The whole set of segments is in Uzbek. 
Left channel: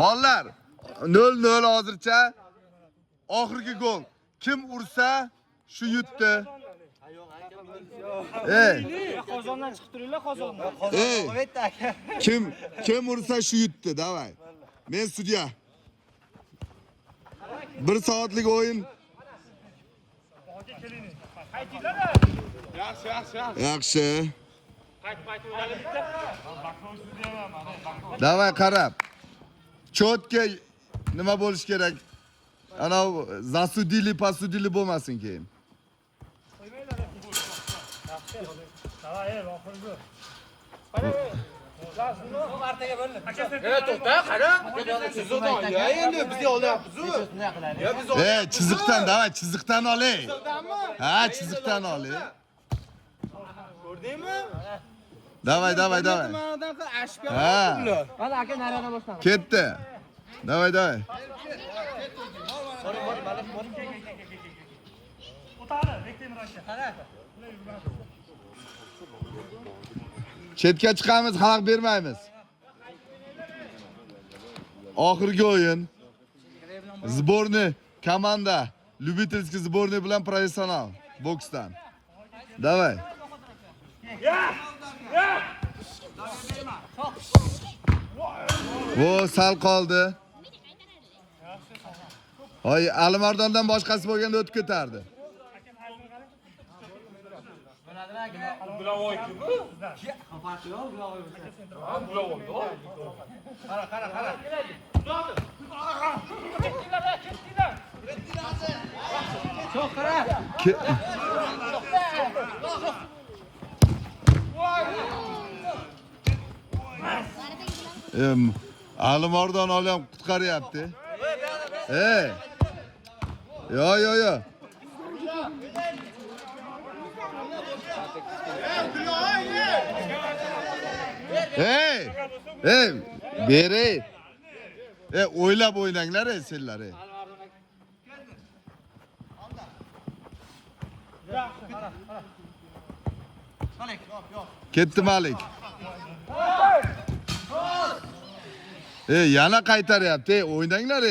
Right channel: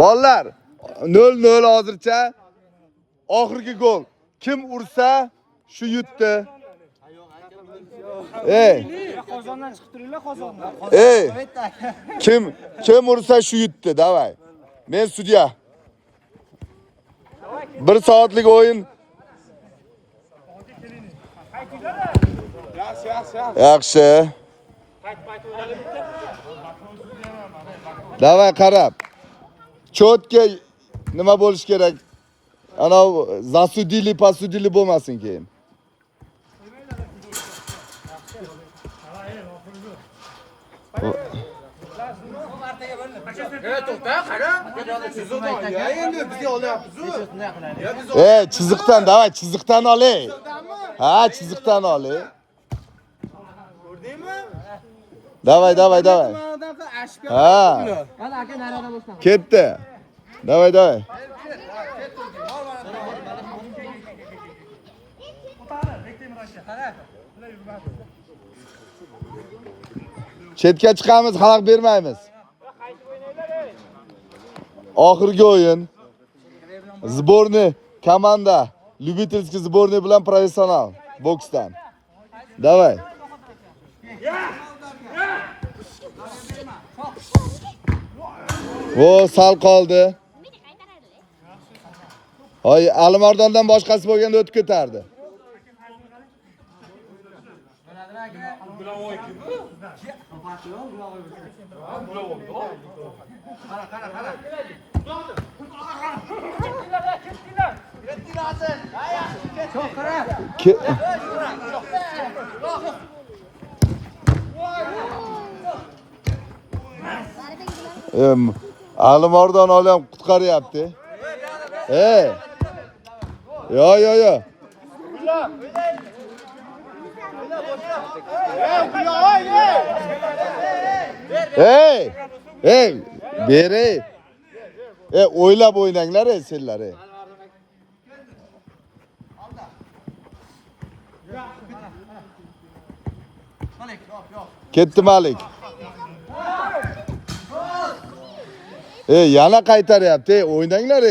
Bolalar 0-0 hozircha. Oxirgi gol. Kim ursa shu yutdi. Qozondan chiqib turinglar, qozondan. Kim ursa shu yutdi, davay. Men sudya. 1 soatlik o'yin. Yaxshi. Davay qarab. Chotga nima bo'lish kerak? Ana zasudili, pasudili bo'lmasin keyin. Chiziqdan, davay, chiziqdan olay. Ha, chiziqdan olay. Ko'rdingmi? Davay. Ha. Mana aka narada bo'lsin. Ketdi. Davay. Chetga chiqamiz, xalaq bermaymiz. Oxirgi o'yin. Zborni komanda Lyubitelskiy zborni bilan professional boksdan. Davay. Sal qoldi. Hoy, Alimardondan boshqasi bo'lganda o'tib ketardi. Alimardon olam qutqaryapti. Yo. Beri. O'ylab o'ynanglar senlar. Ketdi Malik. Yana qaytaryapti. O'ynanglar.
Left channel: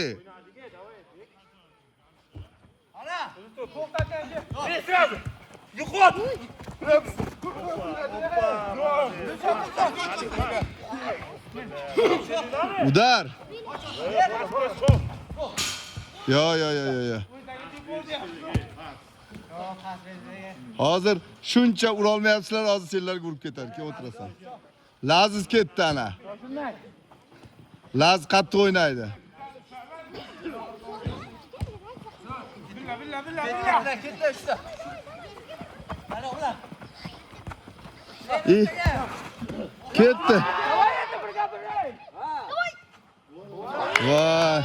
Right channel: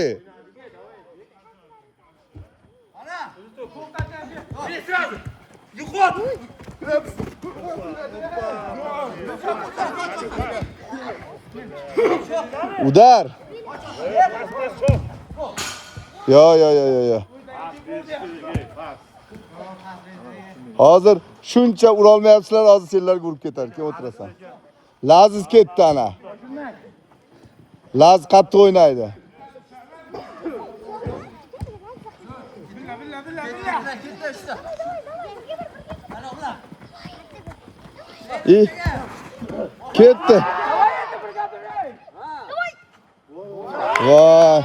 Udar. Yo. Hozir shuncha ura olmayapsizlar, hozir senlarga urib ketar. Kim o'tirasan? Laziz ketdi ana. Laz qattiq o'ynaydi. Ketdi. Voy.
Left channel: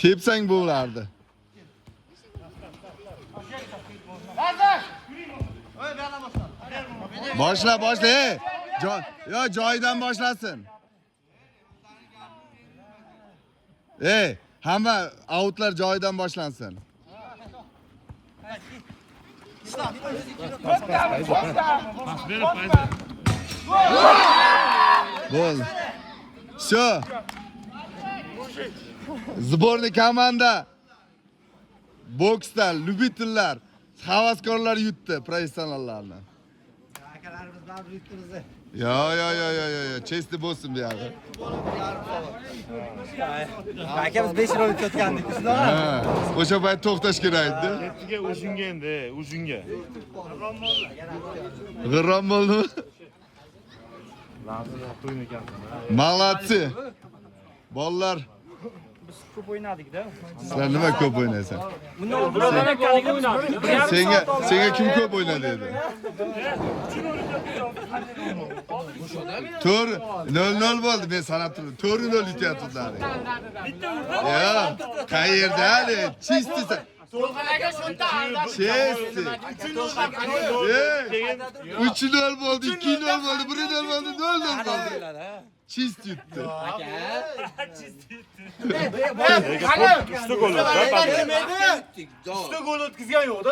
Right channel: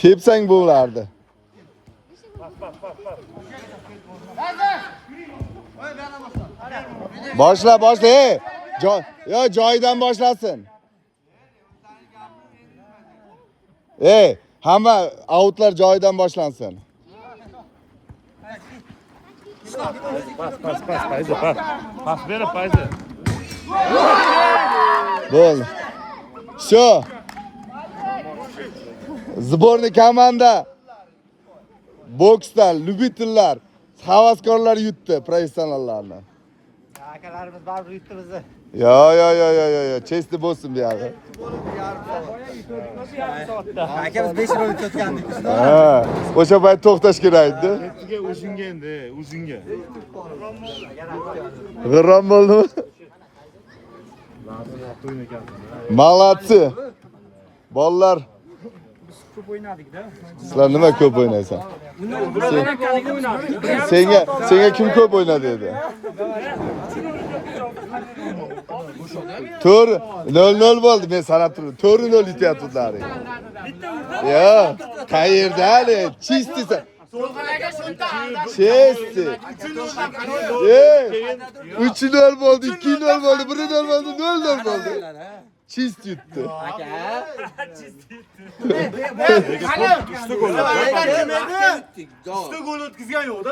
Tepsang bo'lardi. Boshla. Joyidan boshlasin. Hamma outlar joyidan boshlansin. Pas berib, Bo'ldi. Shu. Zborni komanda boksdan Lyubitellar, havaskorlar yutdi professionallarni. Akalarimiz baribir yutdi bizni. Yo, chesti bo'lsin bu yerda. Akamiz 5 rol o'tgandik. O'sha payt to'xtash kerak edi. Ertaga o'zingga endi, o'zingga. G'irrom bo'ldimi? Malatsi. Bolalar. Biz ko'p o'ynadik-da. Sizlar nima ko'p o'ynaysan? Senga kim ko'p o'ynadi dedi? To'r 0-0 bo'ldi, men sanab turdim. 4-0 yutyaptilar. Yo, qayerda hali? Chistisa. To'g'riga shunta aldab. Chesti. 3-0 bo'ldi, 2-0 bo'ldi, 1-0 bo'ldi, 0-0 bo'ldi. Çist yuttu. Usta gol. Usta gol o'tkazgan yo'q-da.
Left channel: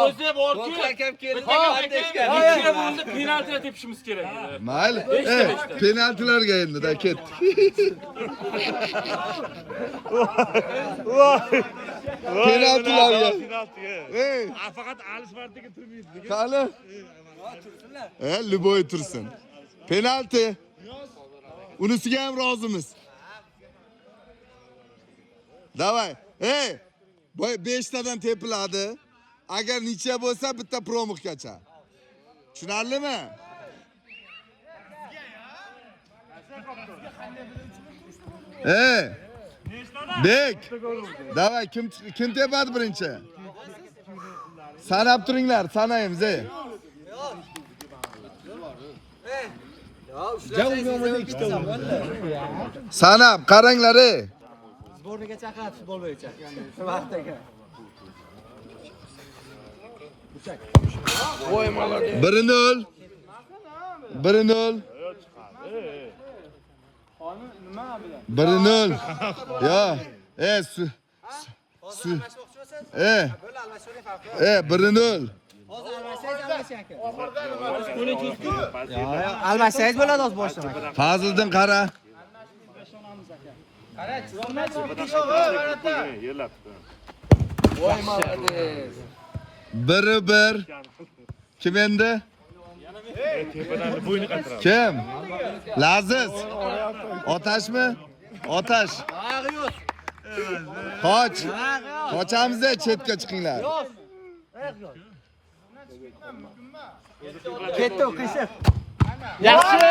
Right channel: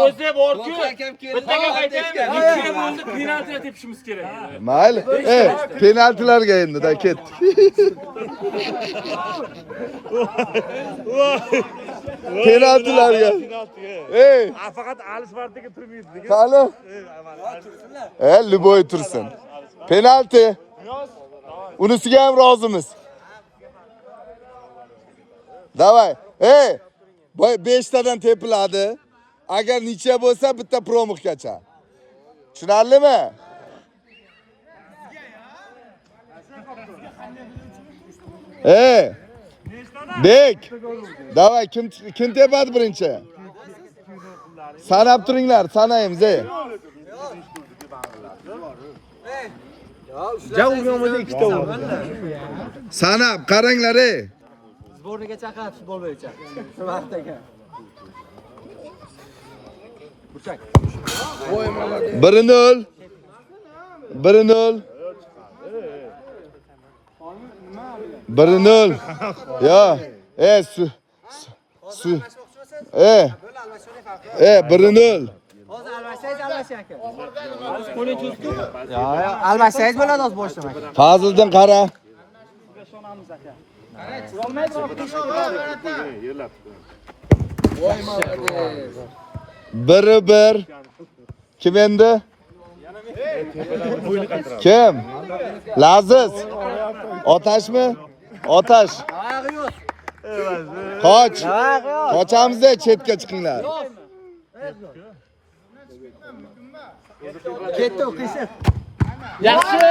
O'zi borku. Bizga aytgan, bo'ldi penaltiga tepishimiz kerak. Mayli. Penaltilarga endi da ketdi. Penaltilarga. Faqat Alisvardagi turmaydi. Qani? Luboy tursin. Penalti. Unisiga ham rozimiz. Davay. 5 tadan tepiladi. Agar necha bo'lsa bitta promixgacha. Tushunarlimi? Bek. Davay kim tepadi birinchi? Sanab turinglar, sanaymiz. Sanab qaranglar. Sborniga chaqiradi futbol bo'yicha. Shu vaqtdagi. 1-0. 1-0. 1-0. Ya. Su. 1-0. Hozir almashsangiz bo'ladi hozir boshlamak. Fazliddin qara. Voy molodez. 1-1. Kim endi? Kim? Laziz. Otashmi? Otash. Oyog'i yo'q. Qoch. Qochamiz-da, chetga chiqinglar. Ketdi o'qishib. Yaxshi.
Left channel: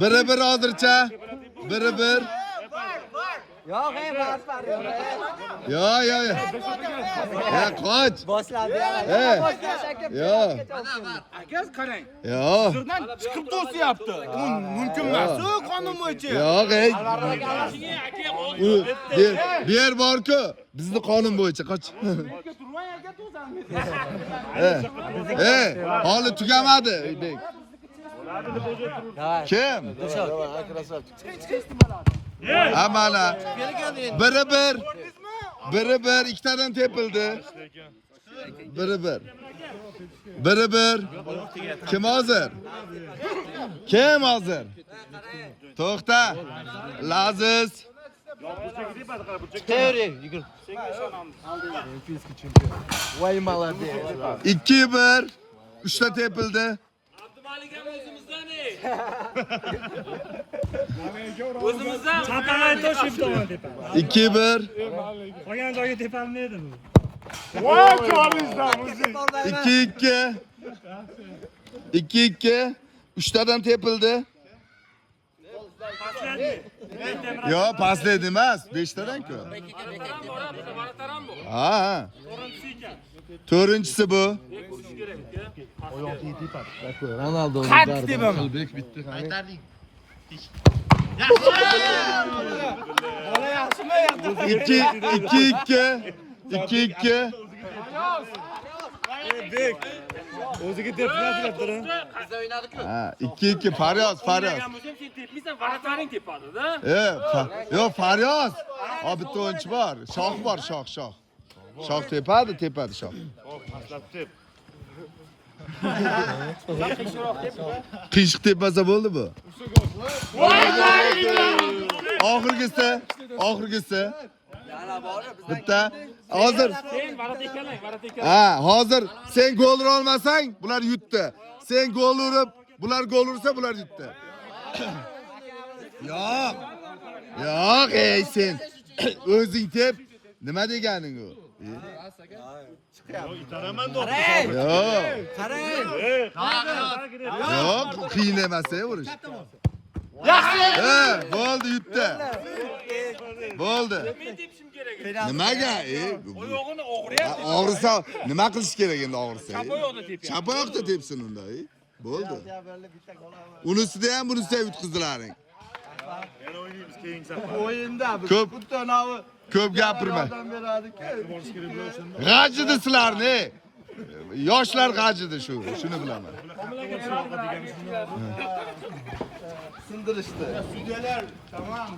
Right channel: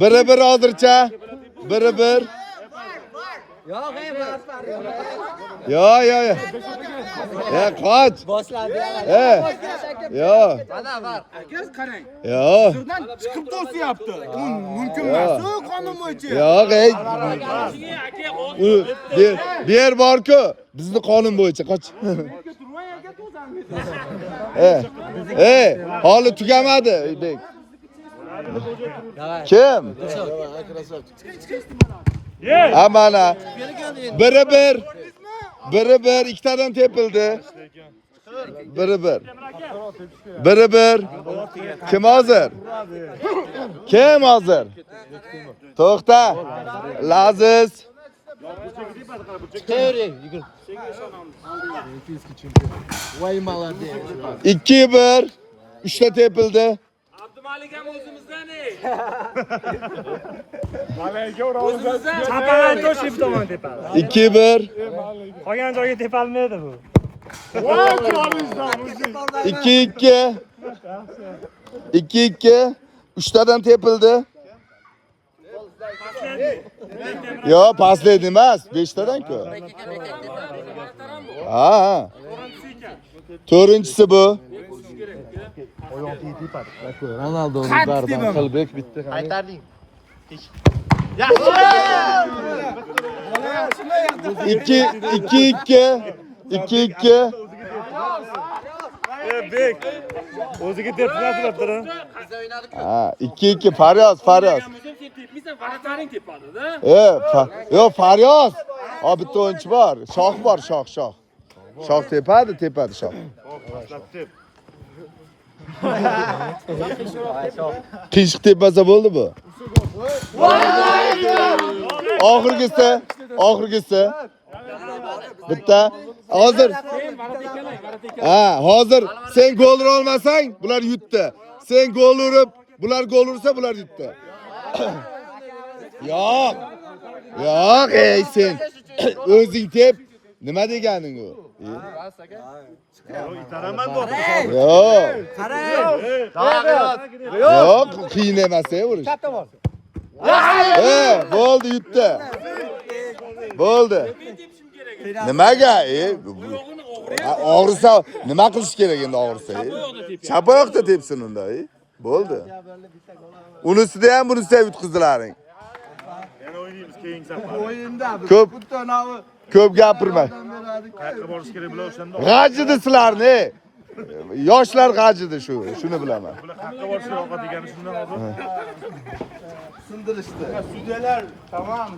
1-1 hozircha. 1-1. Yo'q, Yo. Qoch. boshladi. Yo. Akaz qarang. Yo. Sirdan chiqib to'siyapti. Mumkin emas. Qonun bo'yicha. Yo'q, ber borku. Bizni qonun bo'yicha qoch. Holi tugamadi. Kim? Amana. 1-1. 1-1 ikkitadan tepildi. 1-1. 1-1. Kim hozir? Kim hozir? To'xta. Laziz. Voy molodez. 2-1. 3ta tepildi. Abdumalik ham o'zimizdan. O'zimizdan. Chapaga to'shib tomon tepadi. 2-1. Qolgan joyga tepolmaydi bu. 2-2. 2-2. 3tadan tepildi. Yo, pastlaydi emas, 5tadan-ku. Ha. To'rtinchisi bu. Ronaldoning barban qilbek bitta. Qaytarding. 2-2. Bek. O'ziga tepinadi turib. Ha, 2-2 Faryos. Tepmaysan, varataring tepadi-da. Yo, Faryos. Bitta o'yinchi bor. Shoh bor, shoh. Shoh tepadi, shoh. Qiyshiq tepmasa bo'ldi bu. Oxirgisi. Bitta. Hozir. Hozir sen gol ura olmasang, bular yutdi. Sen gol urib, bular gol ursa, bular yutdi. Yo'q, sen o'zing tep. Nima deganing u? Itaraman bu. Yo'q, qiyin emas urish. Bo'ldi, yutdi. Bo'ldi. Nimaga? Og'risa, nima qilish kerak endi og'risa? Chapoyoqda tepsin unda. Bo'ldi. Unisida ham bunisida yutqizdilaring. Yana o'ynaymiz keyingi safar. O'yinda Ko'p gapirma. Qayerga borish kerak bo'lar o'shanda. G'ajidi sizlarni. Yoshlar g'ajidi shu, shuni bilaman. Sindirishdi. Sudyalar tamam